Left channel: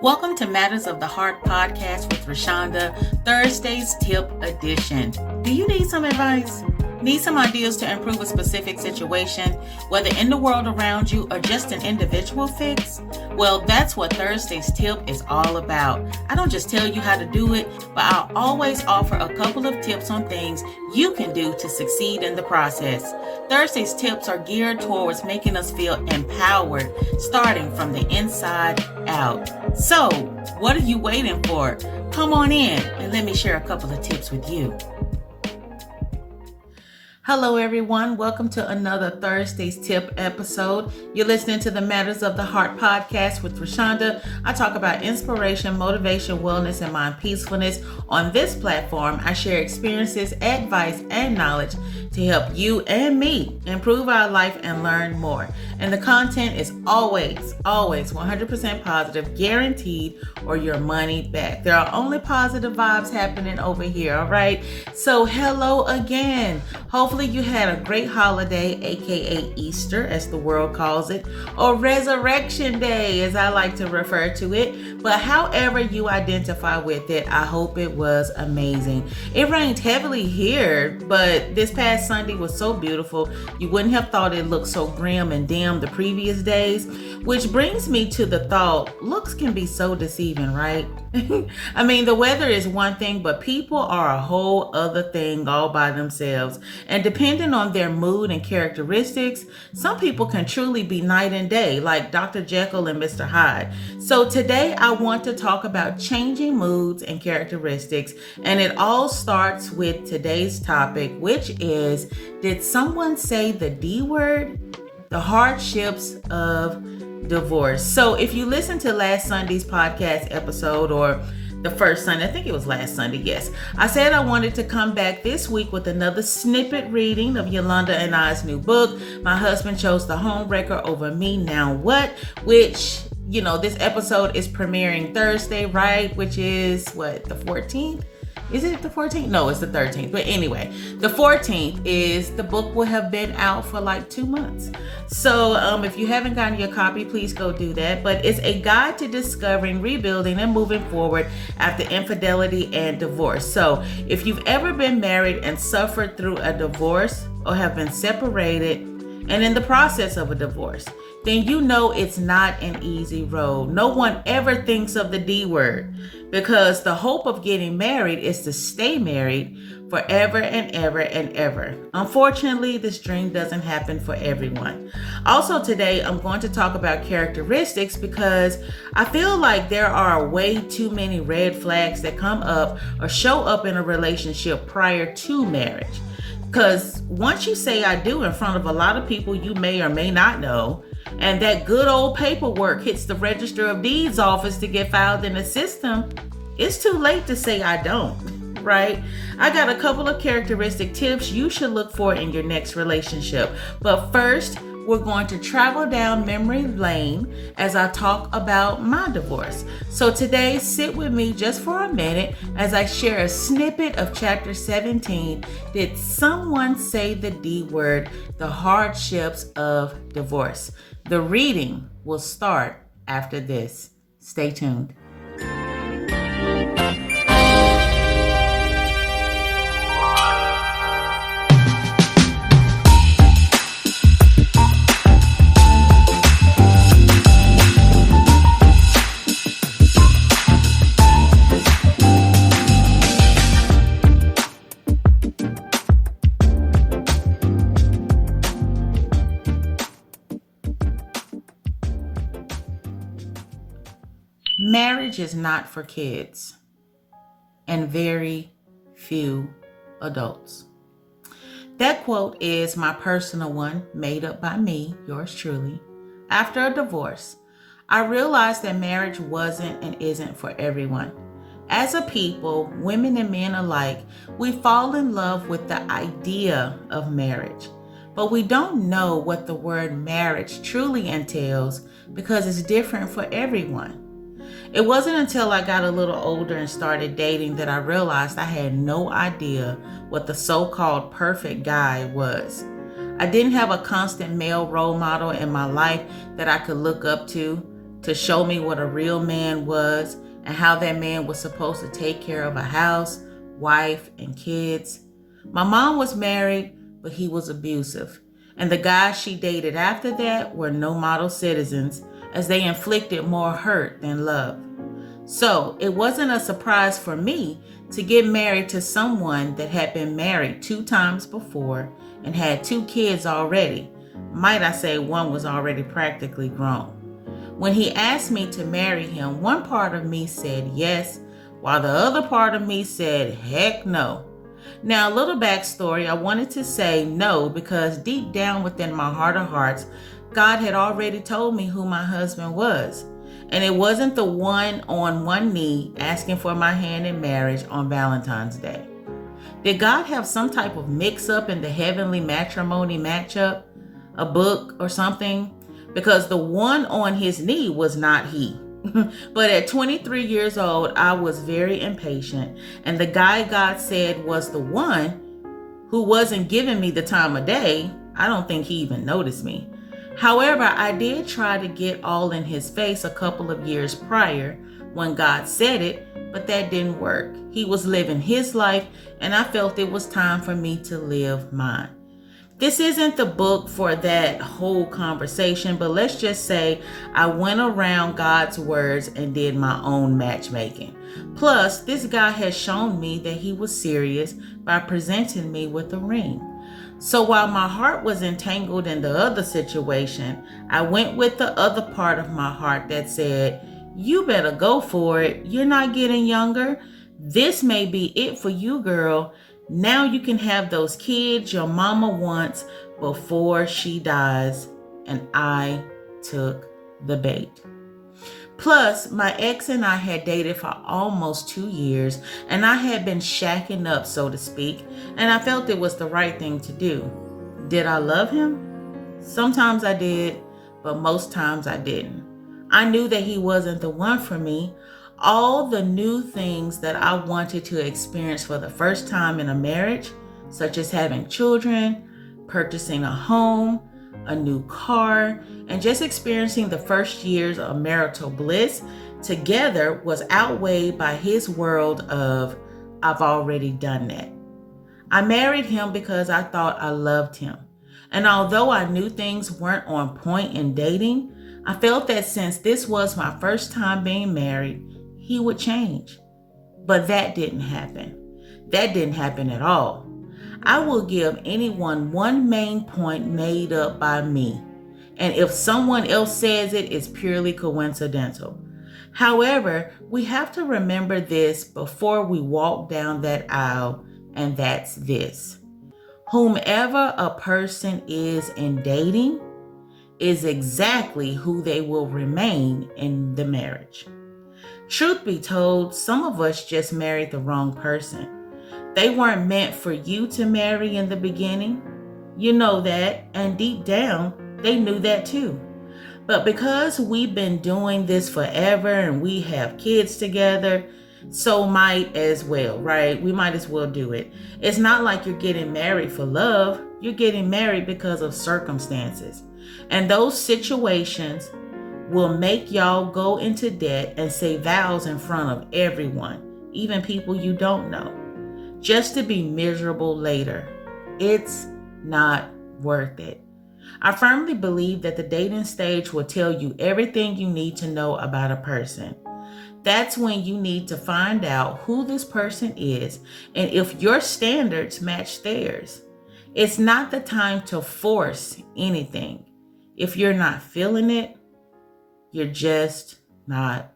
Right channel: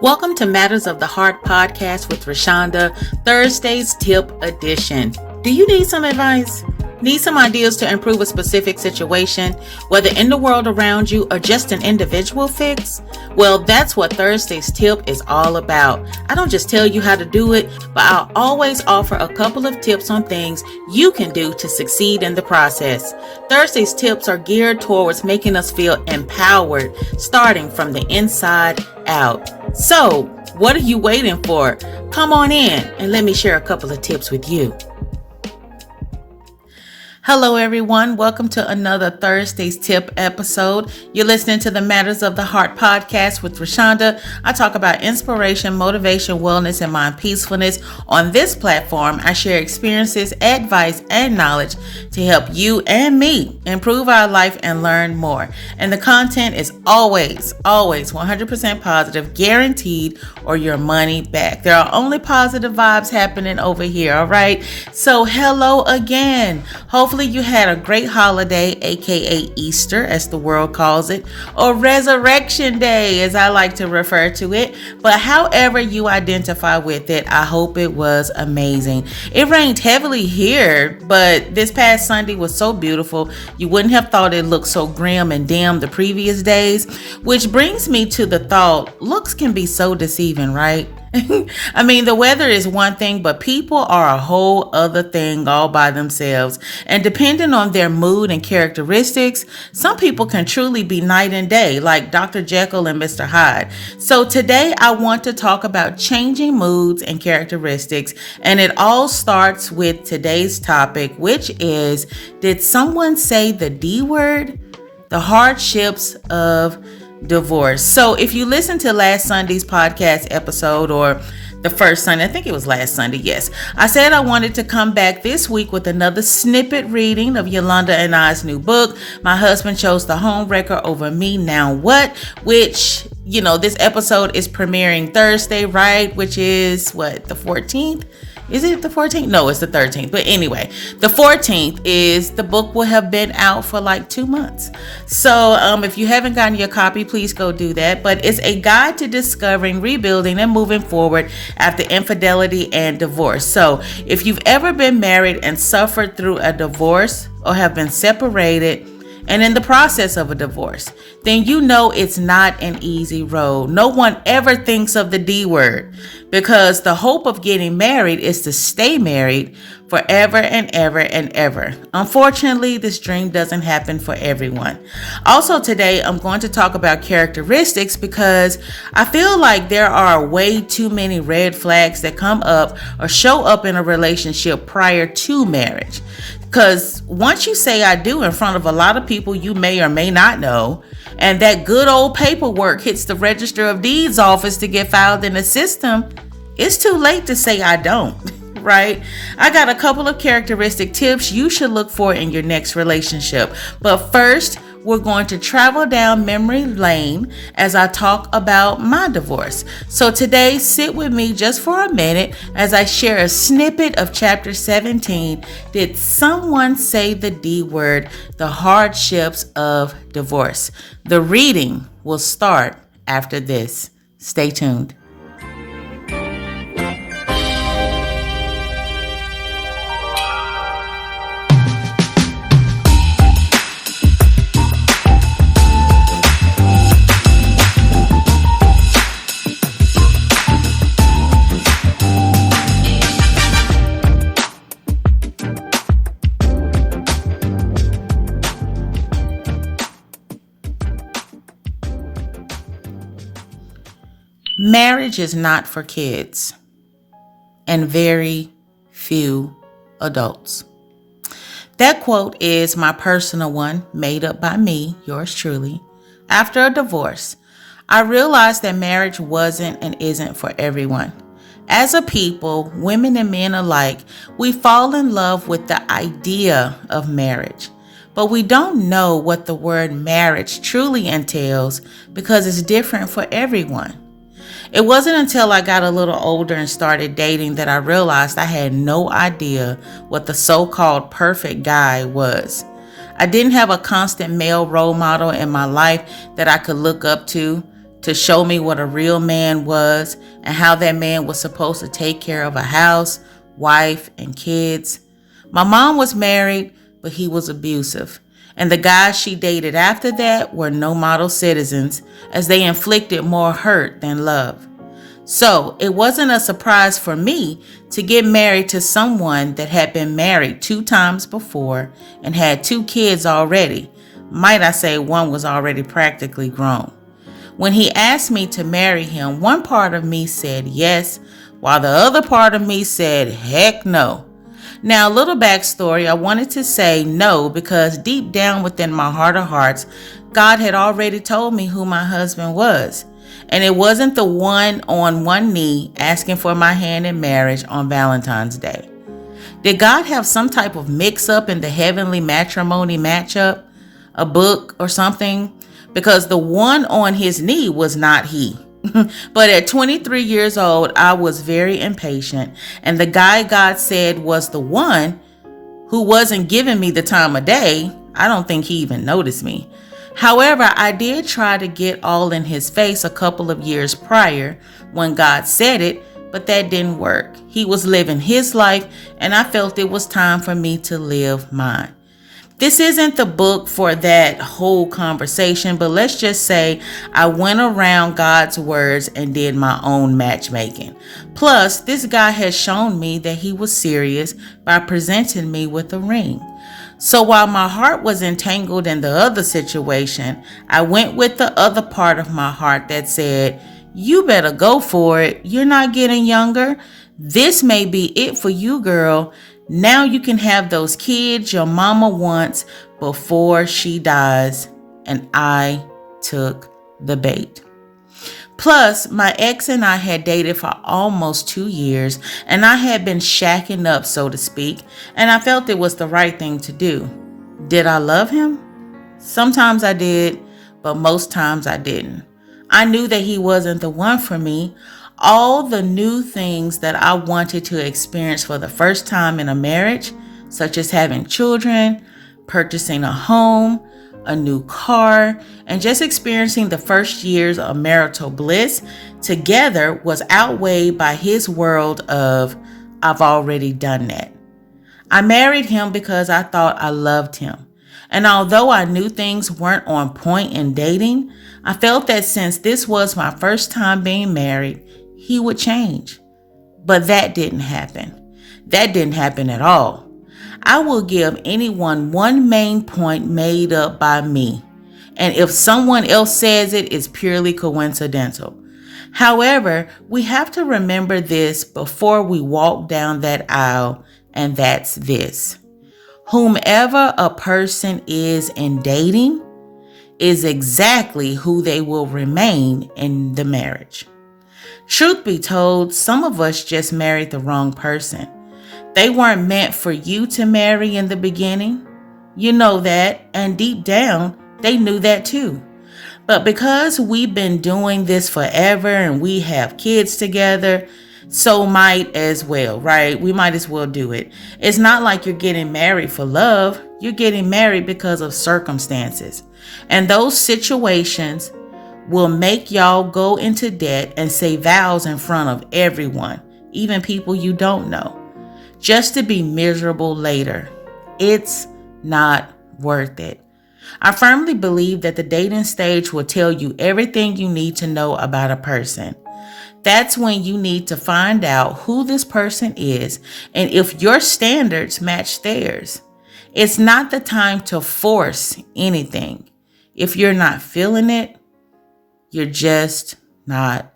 Welcome to Matters of the Heart podcast with Roshonda, Thursday's tip edition. Do you need some advice? Need some ideas to improve a specific situation, whether in the world around you or just an individual fix? Well, that's what Thursday's tip is all about. I don't just tell you how to do it, but I'll always offer a couple of tips on things you can do to succeed in the process. Thursday's tips are geared towards making us feel empowered, starting from the inside out. So, what are you waiting for? Come on in and let me share a couple of tips with you. Hello, everyone. Welcome to another Thursday's Tip episode. You're listening to the Matters of the Heart podcast with Roshonda. I talk about inspiration, motivation, wellness, and mind peacefulness. On this platform, I share experiences, advice, and knowledge to help you and me improve our life and learn more. And the content is always 100% positive, guaranteed, or your money back. There are only positive vibes happening over here, all right? So hello again. Hopefully you had a great holiday, aka Easter, as the world calls it, or Resurrection Day, as I like to refer to it. But however you identify with it, I hope it was amazing. It rained heavily here, but this past Sunday was so beautiful. You wouldn't have thought it looked so grim and dim the previous days, which brings me to the thought, looks can be so deceiving, right? I mean, the weather is one thing, but people are a whole other thing all by themselves. And depending on their mood and characteristics, some people can truly be night and day, like Dr. Jekyll and Mr. Hyde. So today I want to talk about changing moods and characteristics. And it all starts with today's topic, which is, did someone say the D word? The hardships of divorce. So if you listen to last Sunday's podcast episode, or the first Sunday, I think it was last Sunday, yes, I said I wanted to come back this week with another snippet reading of Yolanda and I's new book. My husband chose the Homewrecker over me. Now what? Which, you know, this episode is premiering Thursday, right? Which is what, the 14th? Is it the 14th? No, it's the 13th. But anyway, the 14th is the book will have been out for like 2 months. So if you haven't gotten your copy, please go do that. But it's a guide to discovering, rebuilding, and moving forward after infidelity and divorce. So if you've ever been married and suffered through a divorce, or have been separated and in the process of a divorce, then you know it's not an easy road. No one ever thinks of the D word, because the hope of getting married is to stay married forever and ever and ever. Unfortunately, this dream doesn't happen for everyone. Also today, I'm going to talk about characteristics, because I feel like there are way too many red flags that come up or show up in a relationship prior to marriage. Because once you say I do in front of a lot of people you may or may not know, and that good old paperwork hits the Register of Deeds office to get filed in the system, it's too late to say I don't, right? I got a couple of characteristic tips you should look for in your next relationship. But first, we're going to travel down memory lane as I talk about my divorce. So today, sit with me just for a minute as I share a snippet of chapter 17. Did someone say the D word? The hardships of divorce. The reading will start after this. Stay tuned. Marriage is not for kids and very few adults. That quote is my personal one, made up by me, yours truly. After a divorce, I realized that marriage wasn't and isn't for everyone. As a people, women and men alike, we fall in love with the idea of marriage. But we don't know what the word marriage truly entails, because it's different for everyone. It wasn't until I got a little older and started dating that I realized I had no idea what the so-called perfect guy was. I didn't have a constant male role model in my life that I could look up to to show me what a real man was and how that man was supposed to take care of a house, wife, and kids. My mom was married, but he was abusive. And the guys she dated after that were no model citizens, as they inflicted more hurt than love. So it wasn't a surprise for me to get married to someone that had been married 2 times before and had 2 kids already. Might I say one was already practically grown. When he asked me to marry him, one part of me said yes, while the other part of me said heck no. Now, a little backstory, I wanted to say no because deep down within my heart of hearts, God had already told me who my husband was. And it wasn't the one on one knee asking for my hand in marriage on Valentine's Day. Did God have some type of mix-up in the heavenly matrimony matchup, a book or something? Because the one on his knee was not he. But at 23 years old, I was very impatient, and the guy God said was the one who wasn't giving me the time of day, I don't think he even noticed me. However, I did try to get all in his face a couple of years prior when God said it, but that didn't work. He was living his life, and I felt it was time for me to live mine. This isn't the book for that whole conversation, but let's just say I went around God's words and did my own matchmaking. Plus, this guy has shown me that he was serious by presenting me with a ring. So while my heart was entangled in the other situation, I went with the other part of my heart that said, you better go for it. You're not getting younger. This may be it for you, girl. Now you can have those kids your mama wants before she dies. And I took the bait. Plus, my ex and I had dated for almost 2 years, and I had been shacking up, so to speak, and I felt it was the right thing to do. Did I love him? Sometimes I did, but most times I didn't. I knew that he wasn't the one for me. All the new things that I wanted to experience for the first time in a marriage, such as having children, purchasing a home, a new car, and just experiencing the first years of marital bliss together was outweighed by his world of, I've already done that. I married him because I thought I loved him. And although I knew things weren't on point in dating, I felt that since this was my first time being married, he would change. But that didn't happen. That didn't happen at all. I will give anyone one main point made up by me. And if someone else says it, it's purely coincidental. However, we have to remember this before we walk down that aisle, and that's this. Whomever a person is in dating is exactly who they will remain in the marriage. Truth be told, some of us just married the wrong person. They weren't meant for you to marry in the beginning. You know that, and deep down, they knew that too. But because we've been doing this forever and we have kids together, so might as well, right? We might as well do it. It's not like you're getting married for love. You're getting married because of circumstances. And those situations will make y'all go into debt and say vows in front of everyone, even people you don't know, just to be miserable later. It's not worth it. I firmly believe that the dating stage will tell you everything you need to know about a person. That's when you need to find out who this person is and if your standards match theirs. It's not the time to force anything. If you're not feeling it, you're just not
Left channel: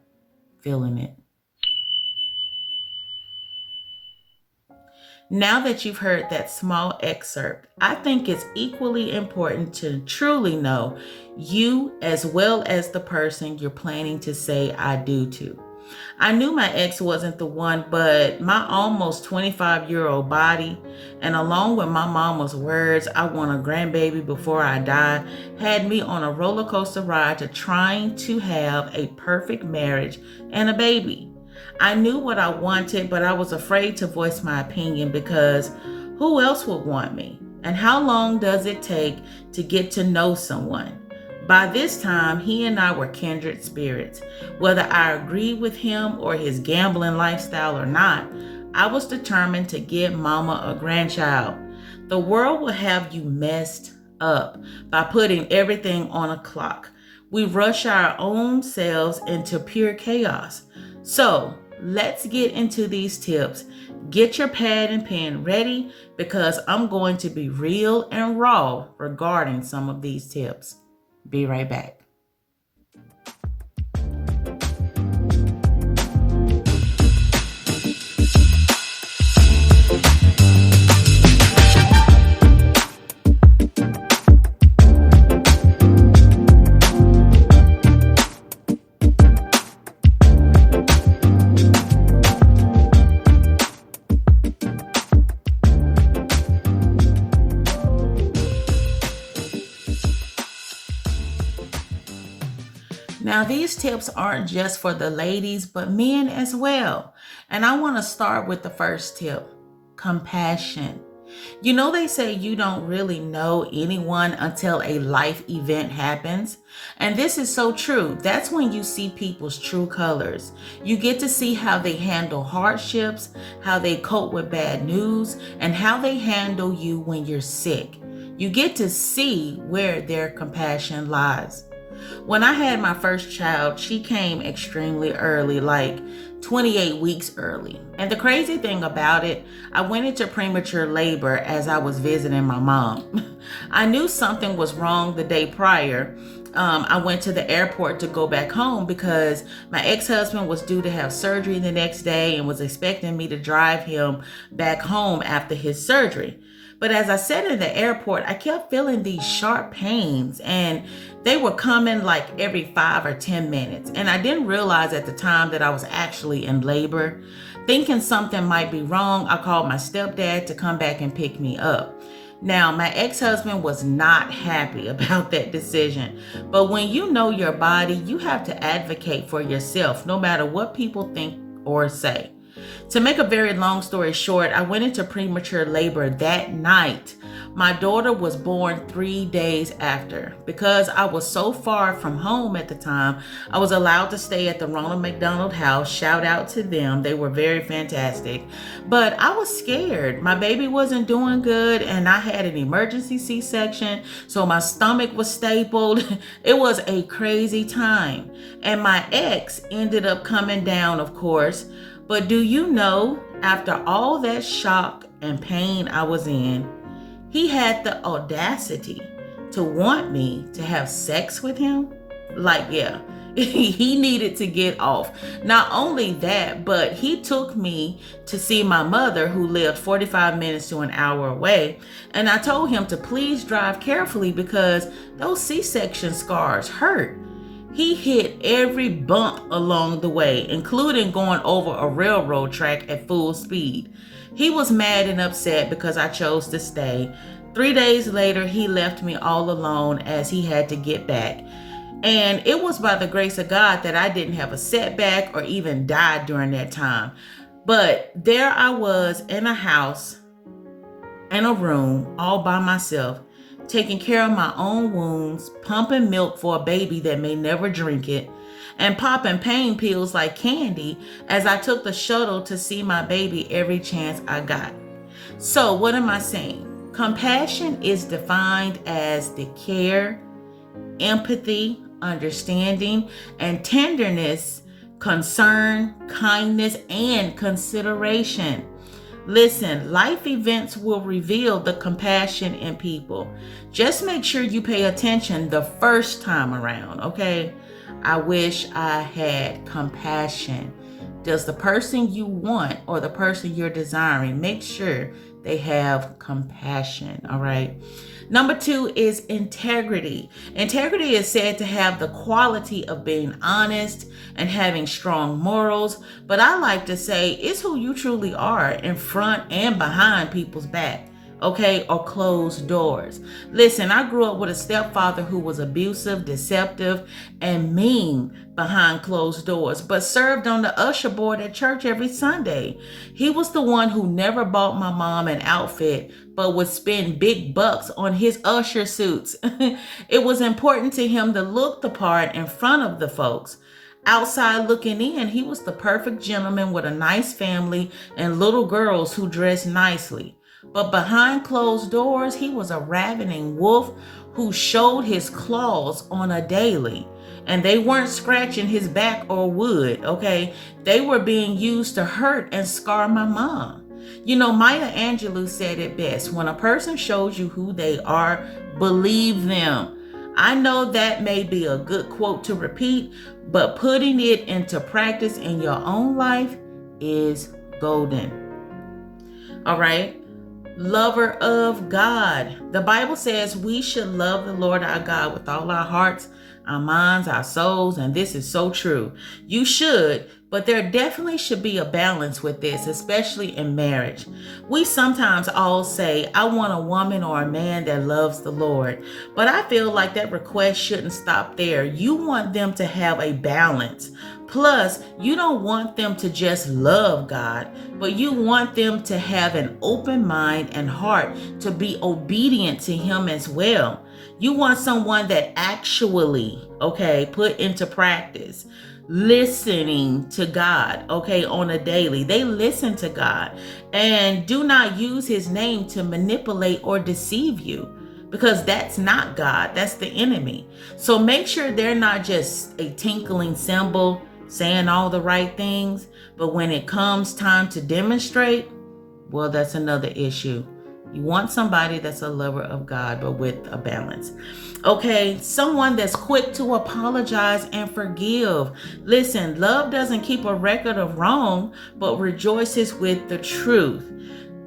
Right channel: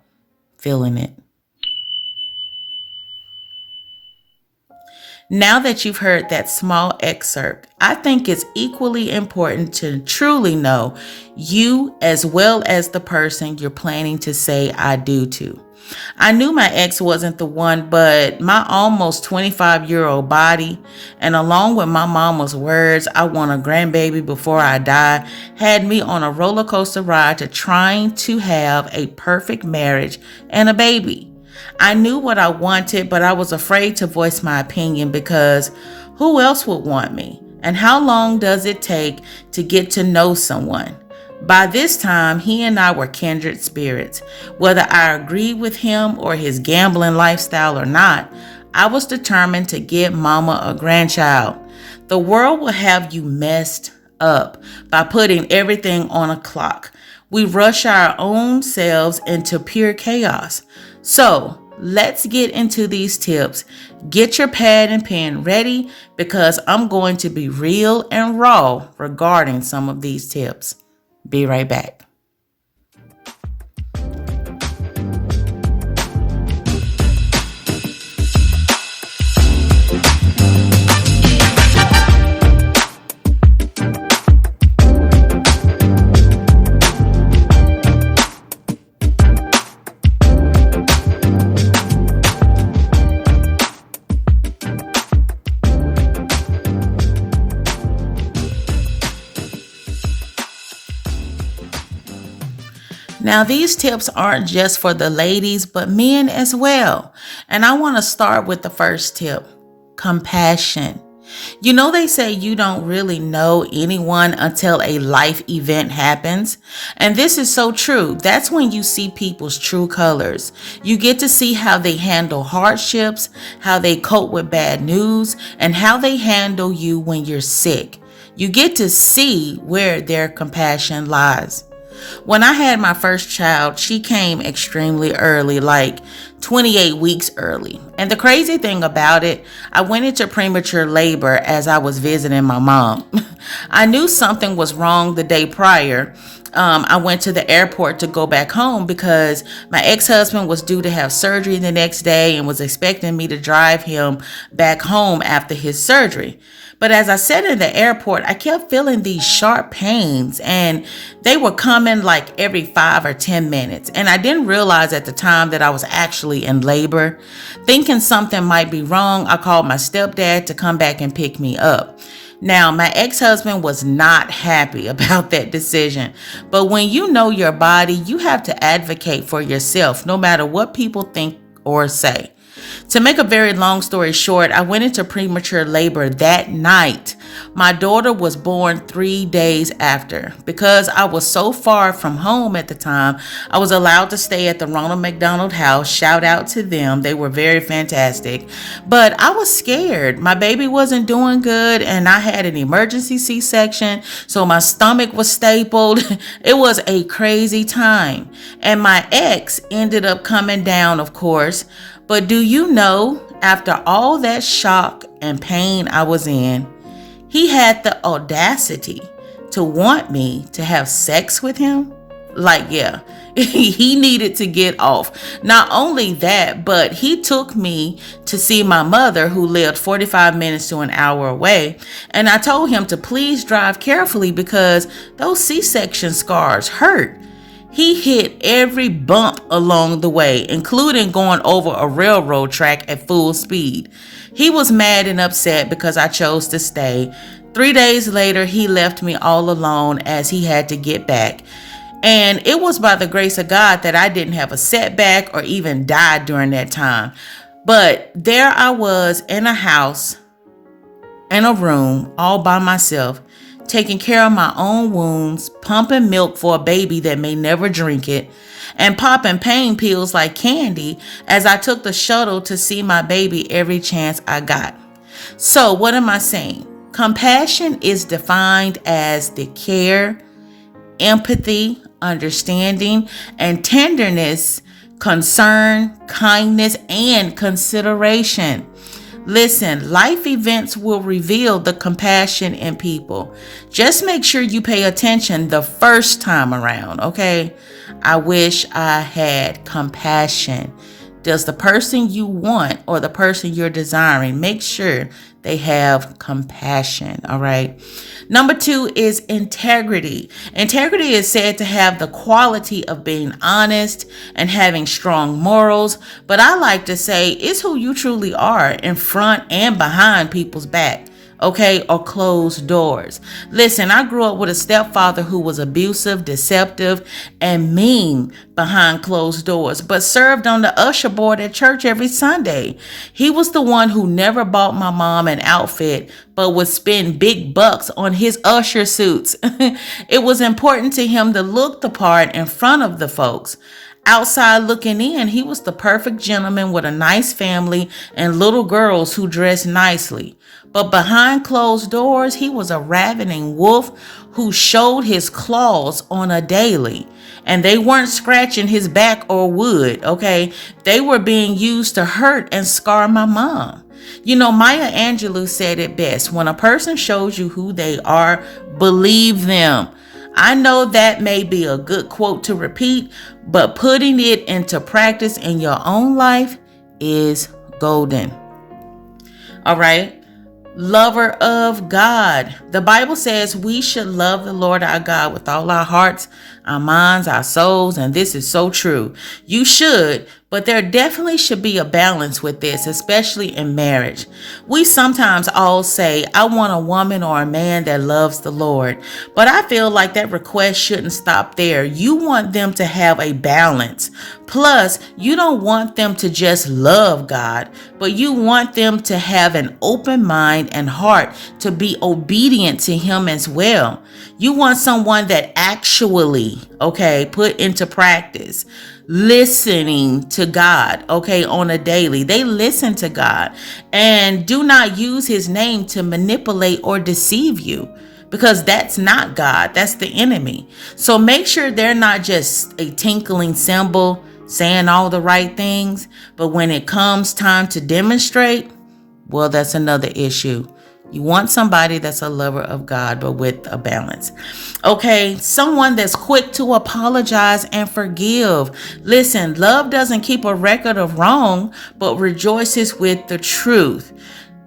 feeling it. Now that you've heard that small excerpt, I think it's equally important to truly know you as well as the person you're planning to say I do to. I knew my ex wasn't the one, but my almost 25-year-old body, and along with my mama's words, I want a grandbaby before I die, had me on a roller coaster ride to trying to have a perfect marriage and a baby. I knew what I wanted, but I was afraid to voice my opinion because who else would want me? And how long does it take to get to know someone? By this time, he and I were kindred spirits. Whether I agreed with him or his gambling lifestyle or not, I was determined to get mama a grandchild. The world will have you messed up by putting everything on a clock. We rush our own selves into pure chaos. So, let's get into these tips. Get your pad and pen ready because I'm going to be real and raw regarding some of these tips. Be right back. Now, these tips aren't just for the ladies, but men as well. And I want to start with the first tip, compassion. You know, they say you don't really know anyone until a life event happens. And this is so true. That's when you see people's true colors. You get to see how they handle hardships, how they cope with bad news, and how they handle you when you're sick. You get to see where their compassion lies. When I had my first child, she came extremely early, like 28 weeks early. And the crazy thing about it, I went into premature labor as I was visiting my mom. I knew something was wrong the day prior. I went to the airport to go back home because my ex-husband was due to have surgery the next day and was expecting me to drive him back home after his surgery. But as I sat in the airport, I kept feeling these sharp pains and they were coming like every 5 or 10 minutes. And I didn't realize at the time that I was actually in labor. Thinking something might be wrong, I called my stepdad to come back and pick me up. Now, my ex-husband was not happy about that decision. But when you know your body, you have to advocate for yourself, no matter what people think or say. To make a very long story short, I went into premature labor that night. My daughter was born 3 days after. Because I was so far from home at the time, I was allowed to stay at the Ronald McDonald House. Shout out to them. They were very fantastic. But I was scared. My baby wasn't doing good and I had an emergency C-section, so my stomach was stapled. It was a crazy time. And my ex ended up coming down, of course. But do you know, after all that shock and pain I was in, he had the audacity to want me to have sex with him? Like, yeah, he needed to get off. Not only that, but he took me to see my mother who lived 45 minutes to an hour away. And I told him to please drive carefully because those C-section scars hurt. He hit every bump along the way, including going over a railroad track at full speed. He was mad and upset because I chose to stay. 3 days later, he left me all alone as he had to get back. And it was by the grace of God that I didn't have a setback or even die during that time. But there I was in a house, in a room, all by myself, taking care of my own wounds, pumping milk for a baby that may never drink it, and popping pain pills like candy as I took the shuttle to see my baby every chance I got. So what am I saying? Compassion is defined as the care, empathy, understanding, and tenderness, concern, kindness, and consideration. Listen, life events will reveal the compassion in people. Just make sure you pay attention the first time around, okay? I wish I had compassion. Does the person you want or the person you're desiring, make sure they have compassion, all right? Number 2 is integrity. Integrity is said to have the quality of being honest and having strong morals, but I like to say it's who you truly are in front and behind people's back. okay, or closed doors. Listen, I grew up with a stepfather who was abusive, deceptive, and mean behind closed doors, but served on the usher board at church every Sunday. He was the one who never bought my mom an outfit, but would spend big bucks on his usher suits. It was important to him to look the part in front of the folks. Outside looking in, he was the perfect gentleman with a nice family and little girls who dressed nicely. But behind closed doors, he was a ravening wolf who showed his claws on a daily. And they weren't scratching his back or wood, okay? They were being used to hurt and scar my mom. You know, Maya Angelou said it best: when a person shows you who they are, believe them. I know that may be a good quote to repeat, but putting it into practice in your own life is golden. All right. Lover of God. The Bible says we should love the Lord our God with all our hearts, our minds, our souls, and this is so true. You should, but there definitely should be a balance with this, especially in marriage. We sometimes all say, I want a woman or a man that loves the Lord, but I feel like that request shouldn't stop there. You want them to have a balance. Plus, you don't want them to just love God, but you want them to have an open mind and heart to be obedient to Him as well. You want someone that actually, okay, put into practice listening to God, okay, on a daily. They listen to God and do not use His name to manipulate or deceive you, because that's not God, that's the enemy. So make sure they're not just a tinkling cymbal saying all the right things, but when it comes time to demonstrate, well, that's another issue. You want somebody that's a lover of God, but with a balance. Okay, someone that's quick to apologize and forgive. Listen, love doesn't keep a record of wrong, but rejoices with the truth.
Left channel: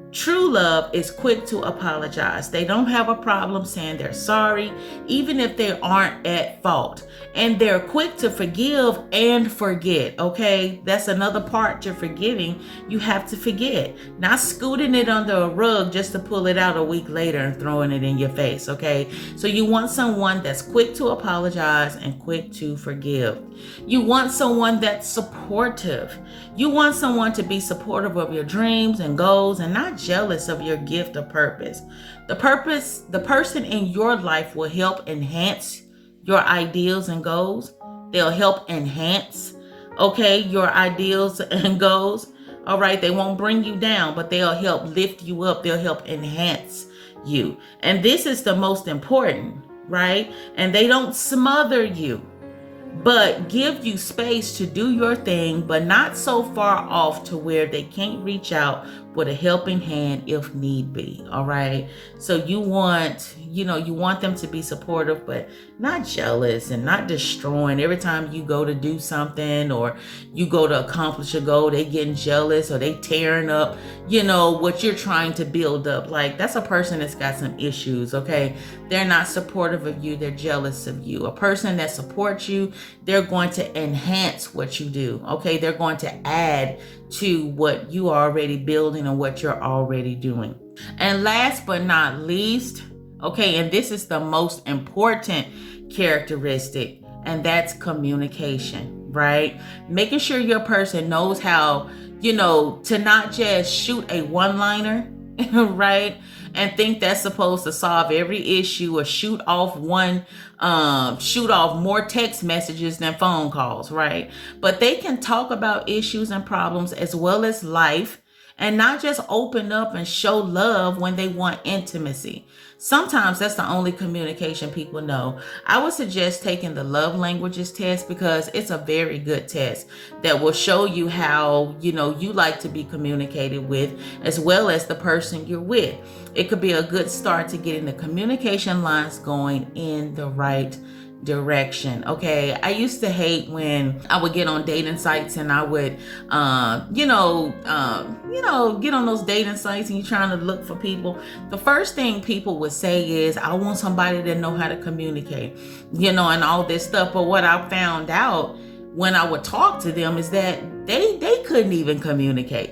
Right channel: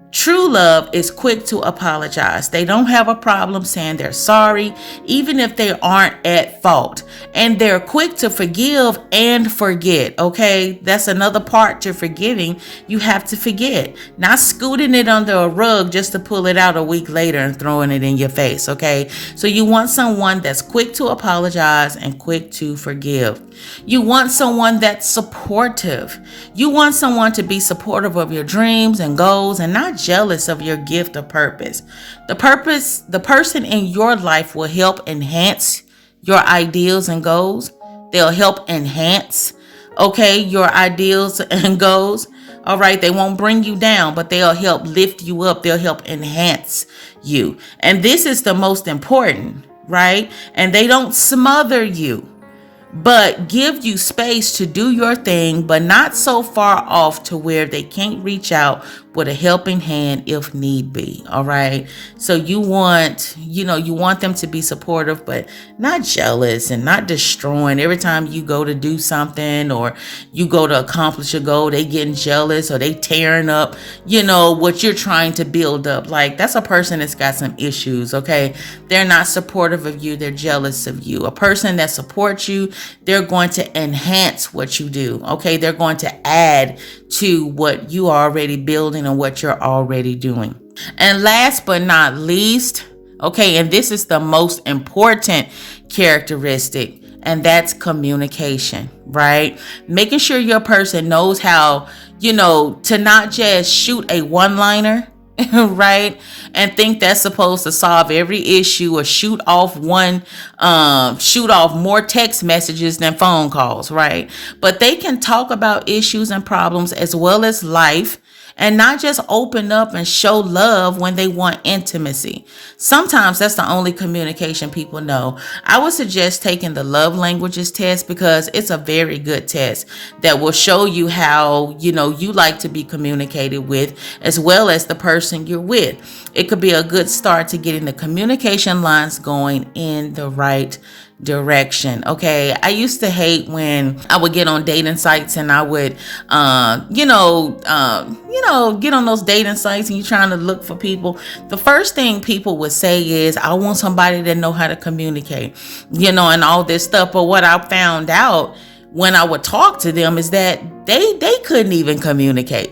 True love is quick to apologize. They don't have a problem saying they're sorry, even if they aren't at fault. And they're quick to forgive and forget, okay? That's another part to forgiving. You have to forget. Not scooting it under a rug just to pull it out a week later and throwing it in your face, okay? So you want someone that's quick to apologize and quick to forgive. You want someone that's supportive. You want someone to be supportive of your dreams and goals and not jealous of your gift or purpose. The person in your life will help enhance your ideals and goals. They'll help enhance, okay, your ideals and goals. All right, they won't bring you down, but they'll help lift you up. They'll help enhance you. And this is the most important, right? And they don't smother you, but give you space to do your thing, but not so far off to where they can't reach out with a helping hand if need be. All right. So you want them to be supportive, but not jealous and not destroying. Every time you go to do something or you go to accomplish a goal, they getting jealous or they tearing up, what you're trying to build up. Like, that's a person that's got some issues. Okay. They're not supportive of you. They're jealous of you. A person that supports you, they're going to enhance what you do. Okay. They're going to add to what you are already building and what you're already doing. And last but not least, okay, and this is the most important characteristic, and that's communication, right? Making sure your person knows how, to not just shoot a one-liner, right? And think that's supposed to solve every issue or shoot off more text messages than phone calls, right? But they can talk about issues and problems as well as life, and not just open up and show love when they want intimacy. Sometimes that's the only communication people know. I would suggest taking the love languages test, because it's a very good test that will show you how, you like to be communicated with, as well as the person you're with. It could be a good start to getting the communication lines going in the right direction. Okay. I used to hate when I would get on dating sites and I would, get on those dating sites and you're trying to look for people. The first thing people would say is, I want somebody that know how to communicate, and all this stuff. But what I found out when I would talk to them is that they couldn't even communicate.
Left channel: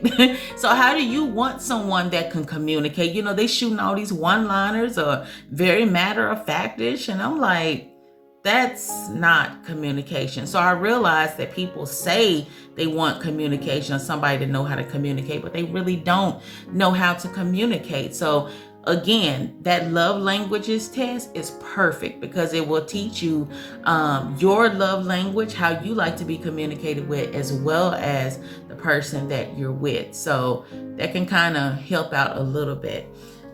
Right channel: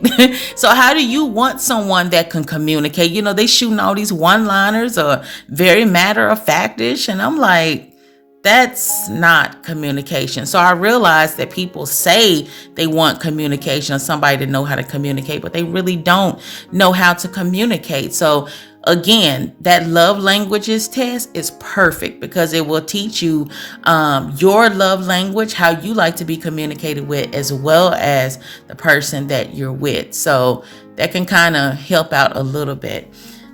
So how do you want someone that can communicate? You know, they shooting all these one-liners or very matter-of-fact-ish, and I'm like, that's not communication. So I realized that people say they want communication or somebody to know how to communicate, but they really don't know how to communicate. So again, that love languages test is perfect because it will teach you your love language, how you like to be communicated with, as well as the person that you're with. So that can kind of help out a little bit.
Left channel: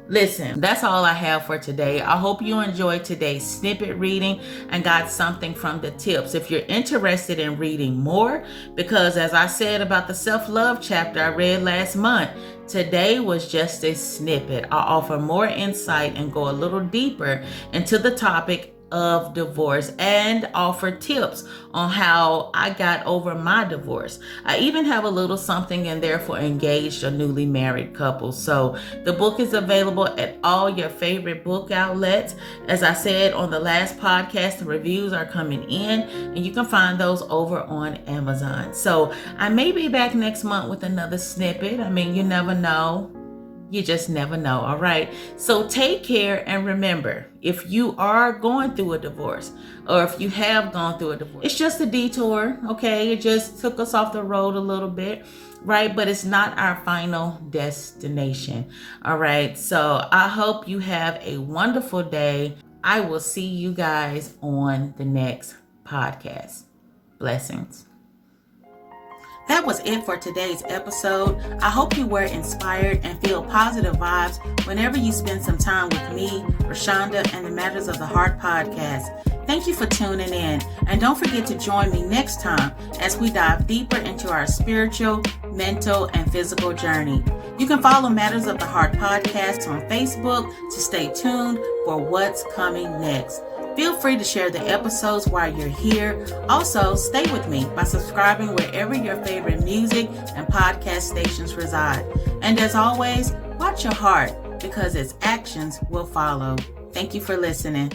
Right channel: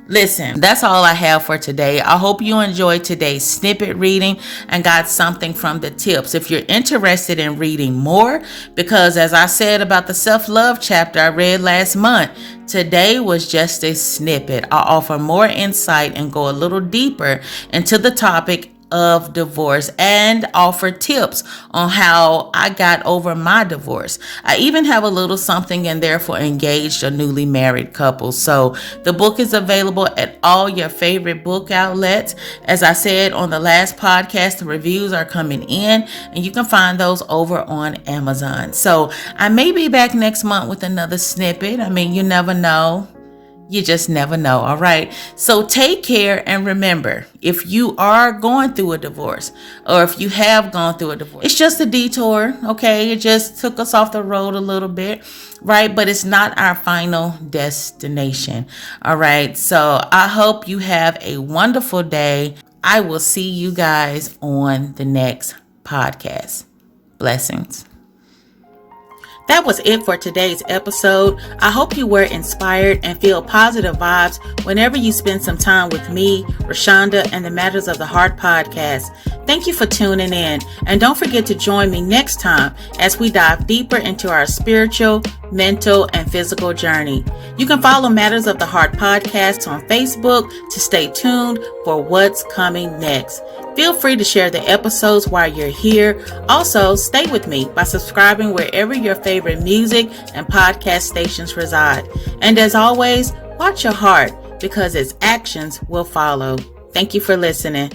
Listen, that's all I have for today. I hope you enjoyed today's snippet reading and got something from the tips. If you're interested in reading more, because as I said about the self-love chapter I read last month, today was just a snippet. I'll offer more insight and go a little deeper into the topic of divorce and offer tips on how I got over my divorce. I even have a little something in there for engaged or newly married couples. So the book is available at all your favorite book outlets. As I said on the last podcast, the reviews are coming in and you can find those over on Amazon. So I may be back next month with another snippet. I mean, you never know. You just never know. All right. So take care. And remember, if you are going through a divorce or if you have gone through a divorce, it's just a detour. Okay. It just took us off the road a little bit. Right. But it's not our final destination. All right. So I hope you have a wonderful day. I will see you guys on the next podcast. Blessings. That was it for today's episode. I hope you were inspired and feel positive vibes whenever you spend some time with me, Roshonda, and the Matters of the Heart podcast. Thank you for tuning in. And don't forget to join me next time as we dive deeper into our spiritual, mental, and physical journey. You can follow Matters of the Heart podcast on Facebook to stay tuned for what's coming next. Feel free to share the episodes while you're here. Also, stay with me by subscribing wherever your favorite music and podcast stations reside. And as always, watch your heart because its actions will follow. Thank you for listening.